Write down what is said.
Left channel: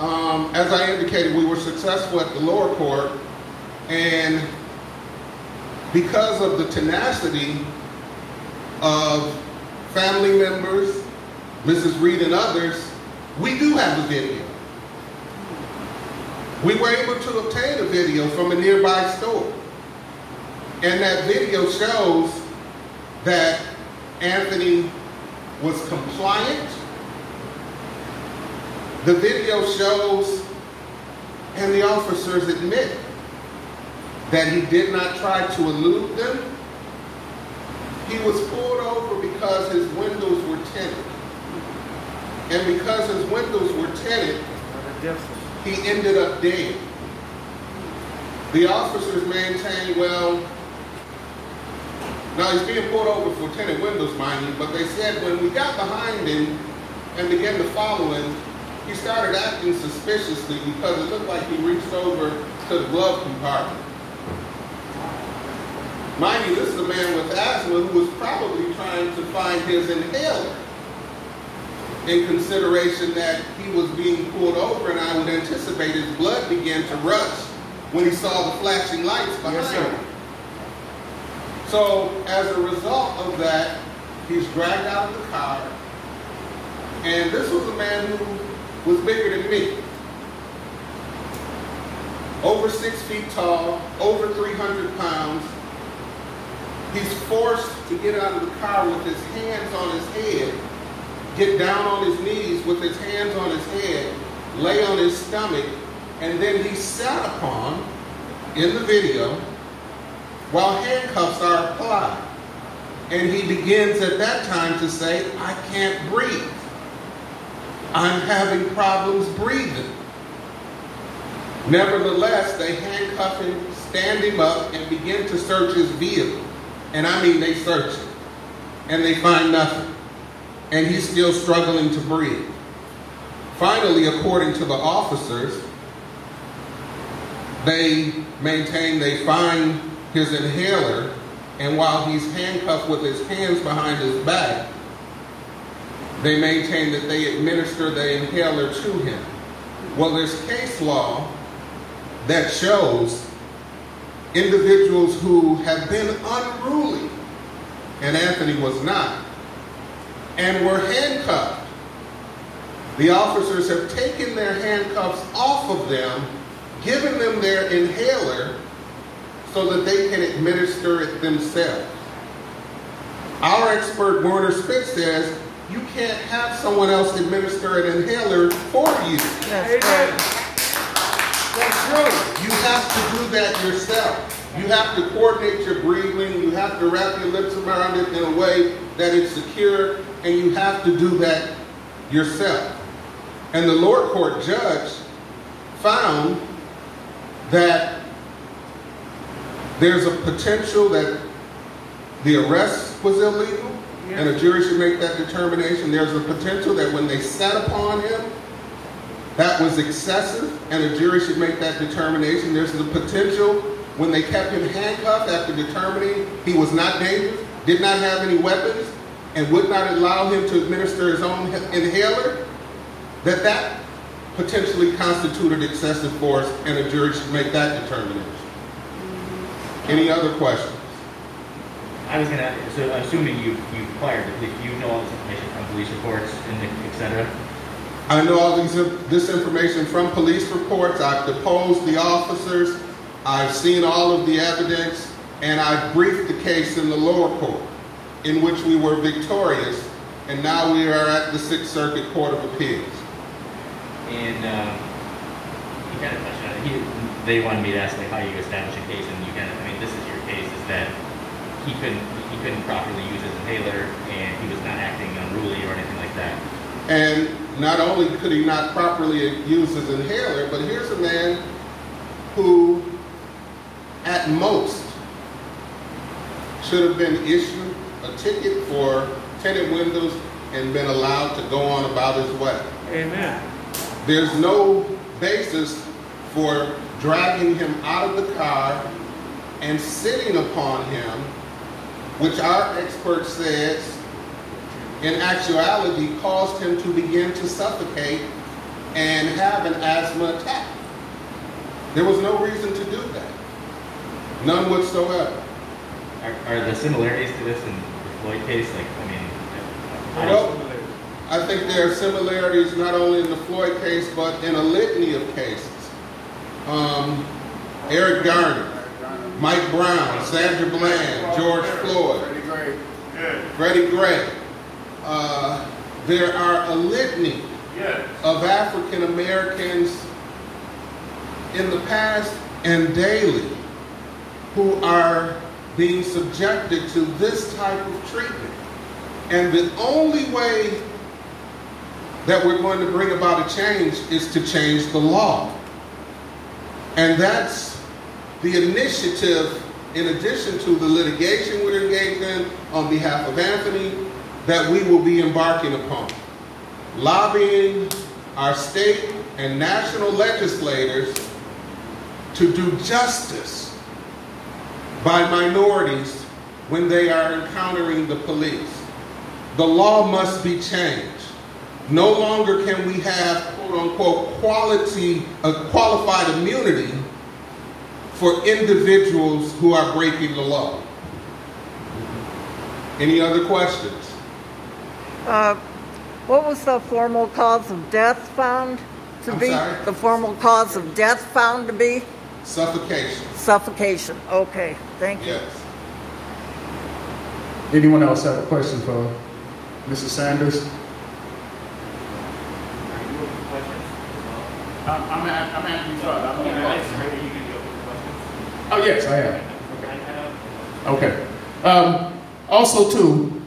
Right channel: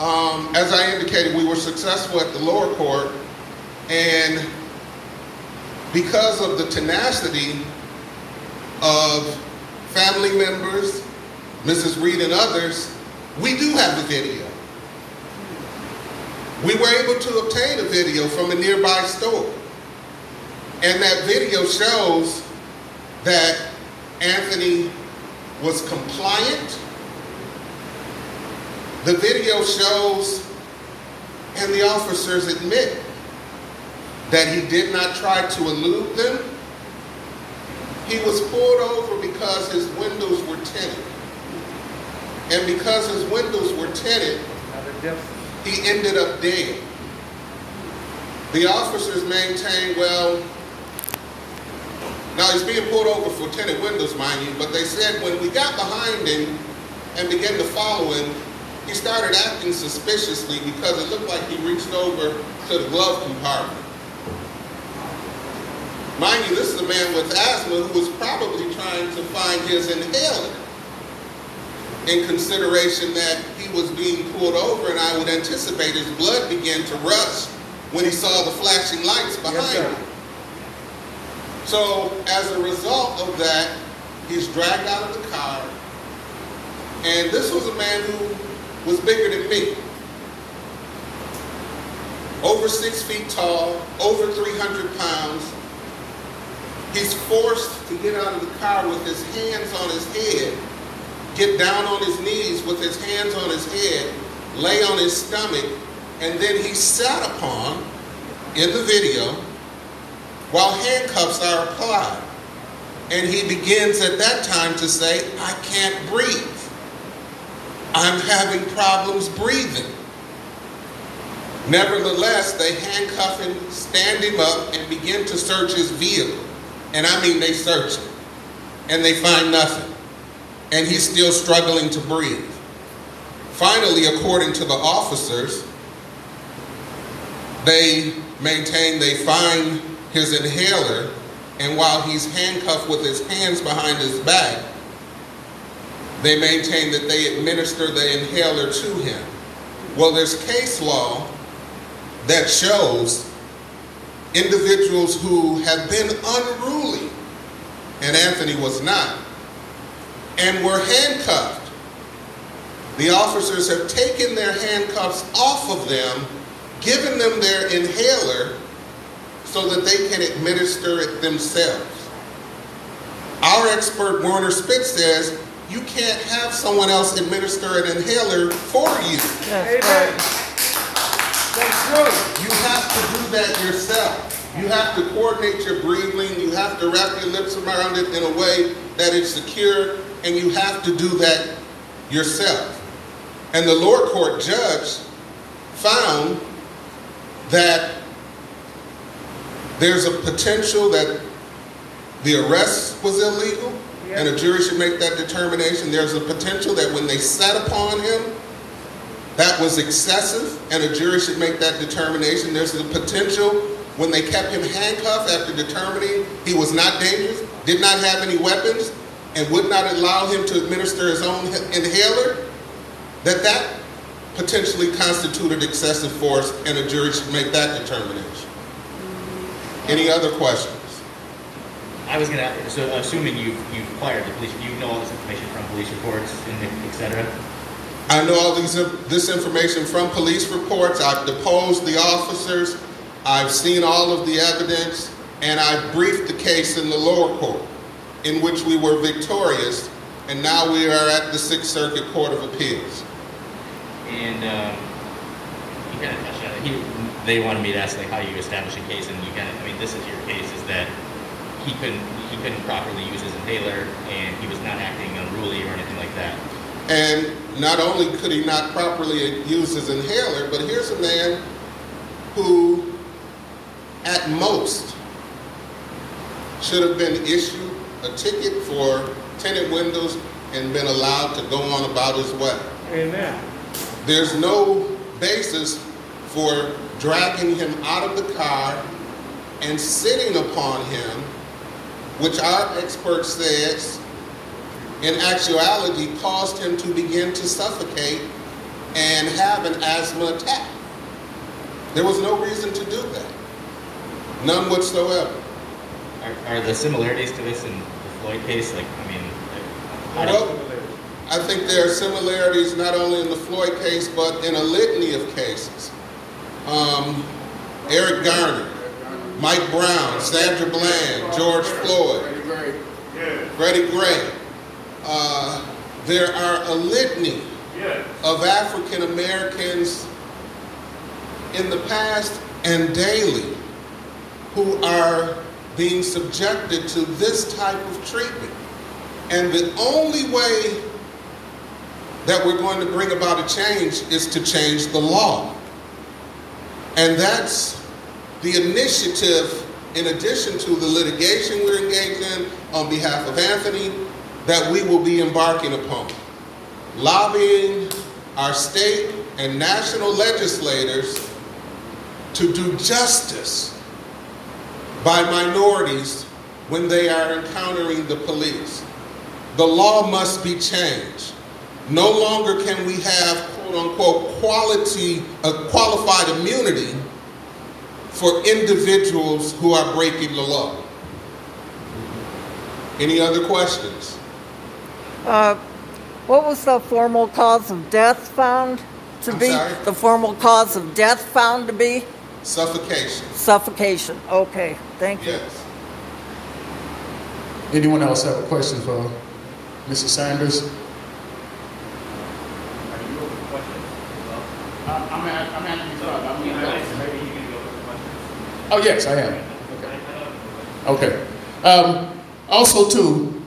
As I indicated, we were successful at the lower court, and because of the tenacity of family members, Mrs. Reed and others, we do have the video. We were able to obtain a video from a nearby store. And that video shows that Anthony was compliant. The video shows, and the officers admit, that he did not try to elude them. He was pulled over because his windows were tinted. And because his windows were tinted, he ended up dead. The officers maintained, well, now he's being pulled over for tinted windows, mind you, but they said when we got behind him and began to follow him, he started acting suspiciously because it looked like he reached over to the glove compartment. Mind you, this is a man with asthma who was probably trying to find his inhaler in consideration that he was being pulled over, and I would anticipate his blood began to rush when he saw the flashing lights behind him. So as a result of that, he's dragged out of the car, and this was a man who was bigger than me. Over 6 feet tall, over 300 pounds. He's forced to get out of the car with his hands on his head, get down on his knees with his hands on his head, lay on his stomach, and then he's sat upon, in the video, while handcuffs are applied. And he begins at that time to say, I can't breathe. I'm having problems breathing. Nevertheless, they handcuff him, stand him up, and begin to search his vehicle. And I mean, they search him, and they find nothing. And he's still struggling to breathe. Finally, according to the officers, they maintain they find his inhaler, and while he's handcuffed with his hands behind his back, they maintain that they administer the inhaler to him. Well, there's case law that shows individuals who have been unruly, and Anthony was not, and were handcuffed. The officers have taken their handcuffs off of them, given them their inhaler so that they can administer it themselves. Our expert, Warner Spitz, says you can't have someone else administer an inhaler for you. That's true. You have to do that yourself. You have to coordinate your breathing. You have to wrap your lips around it in a way that it's secure, and you have to do that yourself. And the lower court judge found that there's a potential that the arrest was illegal, and a jury should make that determination. There's a potential that when they sat upon him, that was excessive, and a jury should make that determination. There's the potential when they kept him handcuffed after determining he was not dangerous, did not have any weapons, and would not allow him to administer his own inhaler, that potentially constituted excessive force, and a jury should make that determination. Any other questions? I was going to, so assuming you've acquired the police, you know all this information from police reports, et cetera? I know all this information from police reports. I've deposed the officers. I've seen all of the evidence, and I've briefed the case in the lower court, in which we were victorious, and now we are at the Sixth Circuit Court of Appeals. And you kind of touched on it. They wanted me to ask like how you establish a case, and you kind of, I mean, this is your case, is that he couldn't properly use his inhaler, and he was not acting unruly or anything like that. And not only could he not properly use his inhaler, but here's a man who, at most, should have been issued a ticket for tinted windows and been allowed to go on about his way. Amen. There's no basis for dragging him out of the car and sitting upon him, which our expert says in actuality caused him to begin to suffocate and have an asthma attack. There was no reason to do that. None whatsoever. Are the similarities to this in the Floyd case? Like, I mean, how do you- Well, I think there are similarities not only in the Floyd case, but in a litany of cases. Eric Garner, Mike Brown, Sandra Bland, George Floyd, Freddie Gray. There are a litany of African Americans in the past and daily who are being subjected to this type of treatment. And the only way that we're going to bring about a change is to change the law. And that's the initiative, in addition to the litigation we're engaged in on behalf of Anthony, that we will be embarking upon. Lobbying our state and national legislators to do justice by minorities when they are encountering the police. The law must be changed. No longer can we have, quote unquote, qualified immunity for individuals who are breaking the law. Any other questions? What was the formal cause of death found to be? Sorry? The formal cause of death found to be? Suffocation. Suffocation. Okay, thank you. Yes. Anyone else have a question for Mr. Sanders? I'm asking you Oh, yes, I am. Okay. Also, too,